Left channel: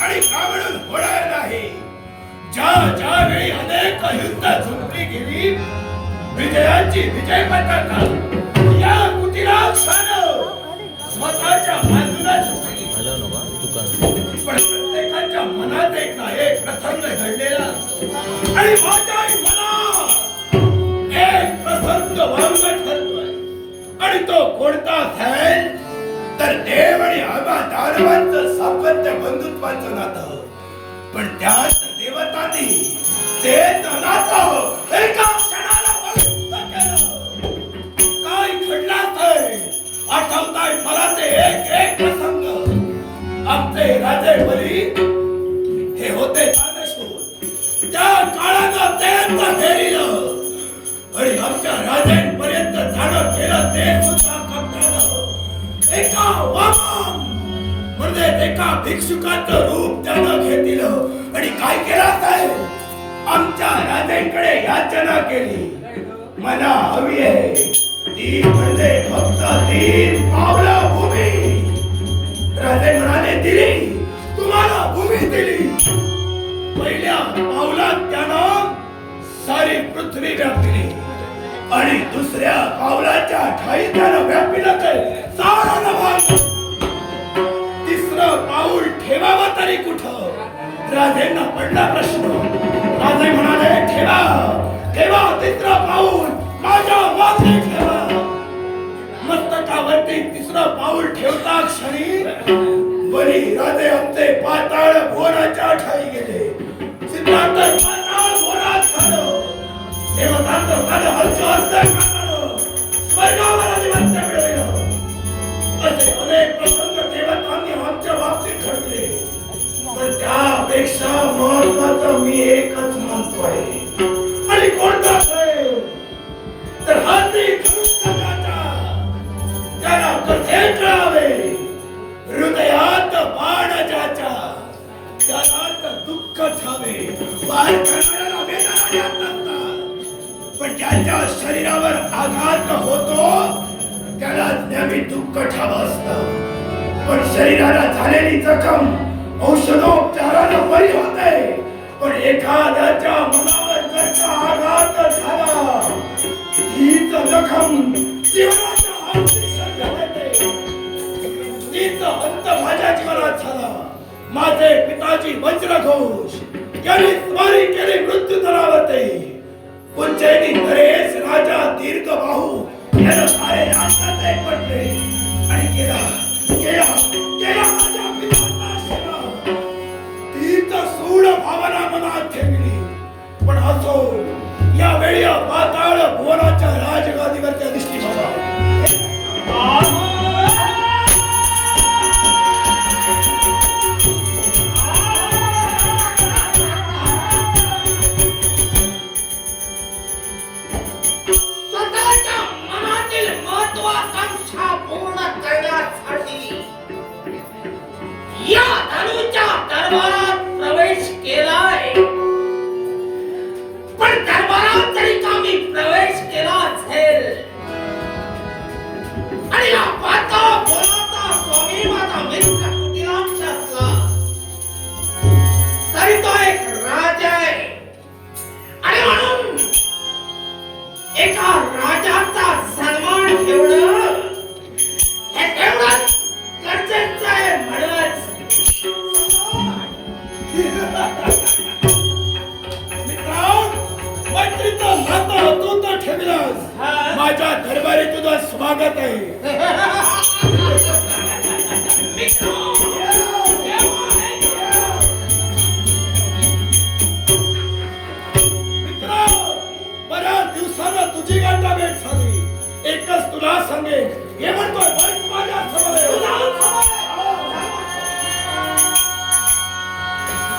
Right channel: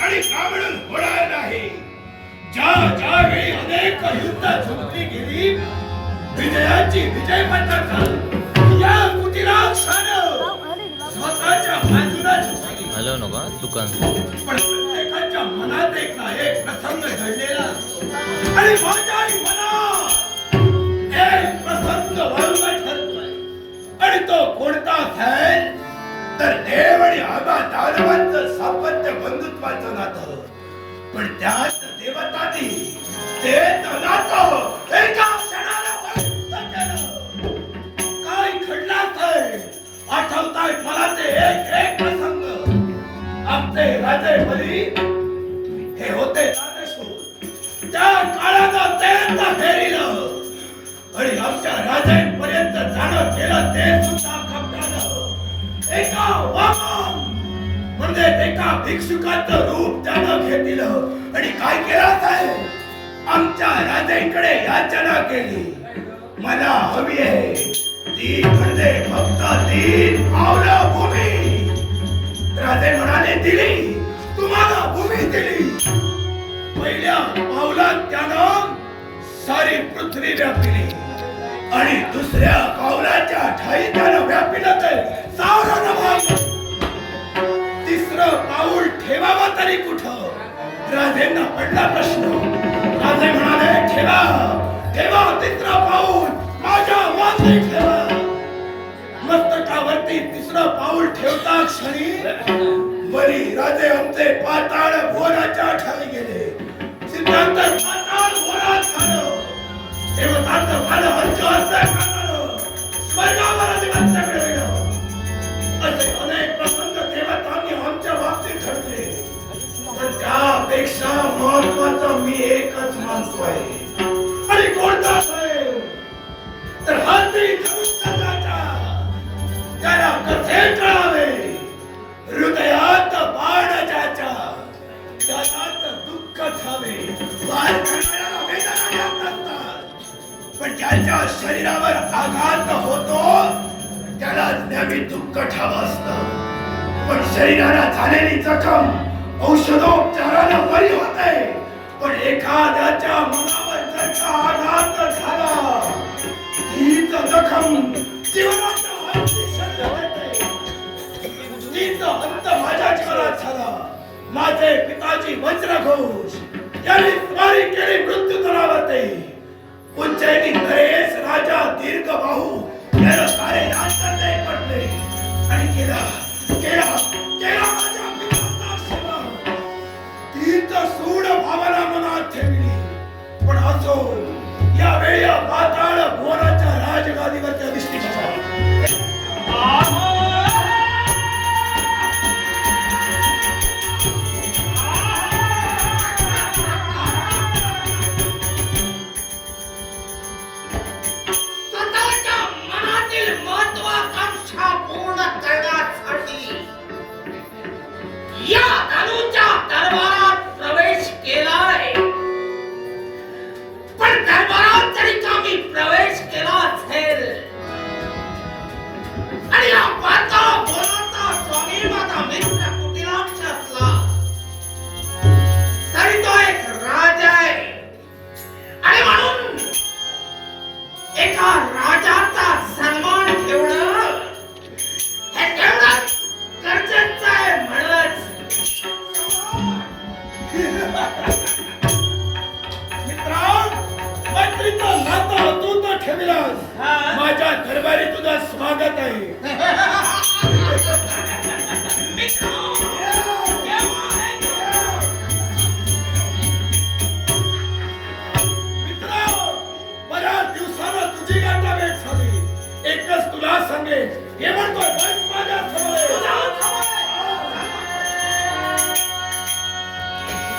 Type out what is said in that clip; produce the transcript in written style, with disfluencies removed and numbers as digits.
आणि का म्हणून होणार नाही? ज्या ज्या वेळी अनेक युद्ध जिंकली गेली, विजयाची विजय पताका या कुटिलाक्षानं स्वतःच्या बाजूला झुकली. हॅलो नका दुकान. पण प्रत्येकाच्या मनात एक ना एक प्रसंग घडलेला असतो आणि माझ्याही मनात एक प्रसंग वांग ठरतोय. आणि तो कोणता असेल तर देव आणि आबा दानवांचं सापत्य बंधुत्वाचं नातं. पण त्यात देवतांनी ते नातं एका क्षणाला वळून केलं. काय घडलं असेल आठवताय मला ते एक एक प्रसंग. आमचे राजे बली हे होते राजसूर. त्या काळानं ते फेरिलं आणि आमच्या राजांपर्यंत जाणं केलं ते सुद्धा कपटानं. एका वामन म्हणजे एका भिक्षुकाचं रूप त्यानं घेतलं आणि काय केलं असेल आमच्या राजांकडे याचना केली. मला हवी आहे ती म्हणजे फक्त 3 पावलं भूमी. राजे म्हणाले दिली, तुम्हाला भूमी दिली. पहिल्या पावलात त्यानं सारी पृथ्वी व्यापली आणि दुसऱ्या पावलाच्या ठाई त्यानं व्यापिलं ते सारा भाग. तिसरं पाऊल ठेवावं तरी कुठं? राजेंना पडला प्रश्न. राजे म्हणाले ठेवा ठेवा तिसरं पाऊल माझ्या मागे ठेवा. मस्तकावरती तिसरं पाऊल ठेवता क्षणी बली राजे आमचे पाताळ भोराच्या ठाई गेले. सिद्धांतर पाताळ भोरात झालं. देवतांचं झालं हलकं स्वर्गावर अधिपत्य मिळवलं. असे अनेक प्रसंग देवतांनी आमच्या बाबतीत घडले. पण त्यापेक्षा महत्वाचं मी एकच मानतोय. आणि कोणता असेल तर हाती धनुष्यकाचा त्याला कसे कळावे. हृदयात बाण ज्याच्या त्याला दुःख ठावे. बाहेर करणाऱ्याला वेदना येत नसतात, पण ज्याच्या शरीरावर आघात होतो त्याला नेहमी दुःख ठावं असतं. पण शरीराला झालेली जखम औषधोपचारानं बरी होते. पण एखाद्याच्या मनावर जर का आघात झाला हीच जखम जीवनाच्या अंती शरीरात येते. तीच अंत माझ्या जीवनात झाला. माझे पिताजी वज्रघोष यांनी स्वारी केली मृत्यूतरावरती. उज्जैनी नरेश राजा दीर्घबाहू यानं सारे राज्यात पडले आणि केला केला केला माझ्या पित्याचा सेवा. तीच सूड भावना मनात ठेवली. पण असो यावेळी पाताळ भुवनाच्या राजगादीवरच्या दिसली बाबा. या धनुच्या दरबारात प्रवेश केलाय. पण दरबारात जरी का मी प्रवेश केला असेल आणि या पाताळ भोराचा स्वामी माझा मित्र कुटिलाक्ष असला तरी तो एक राजा आहे. आणि म्हणून एका राजाचा सन्मान ठेवणं हे तेवढंच गरजेचं आहे. म्हणूनच मैत्रीचं नातं तू तर ठेवलास. माझ्या दरबारी तुझं स्वागत आहे. मित्र बऱ्याच दिवसानं तुझी गाठाभेट झाली. एकच तुला सांगेन हे म्हणतोय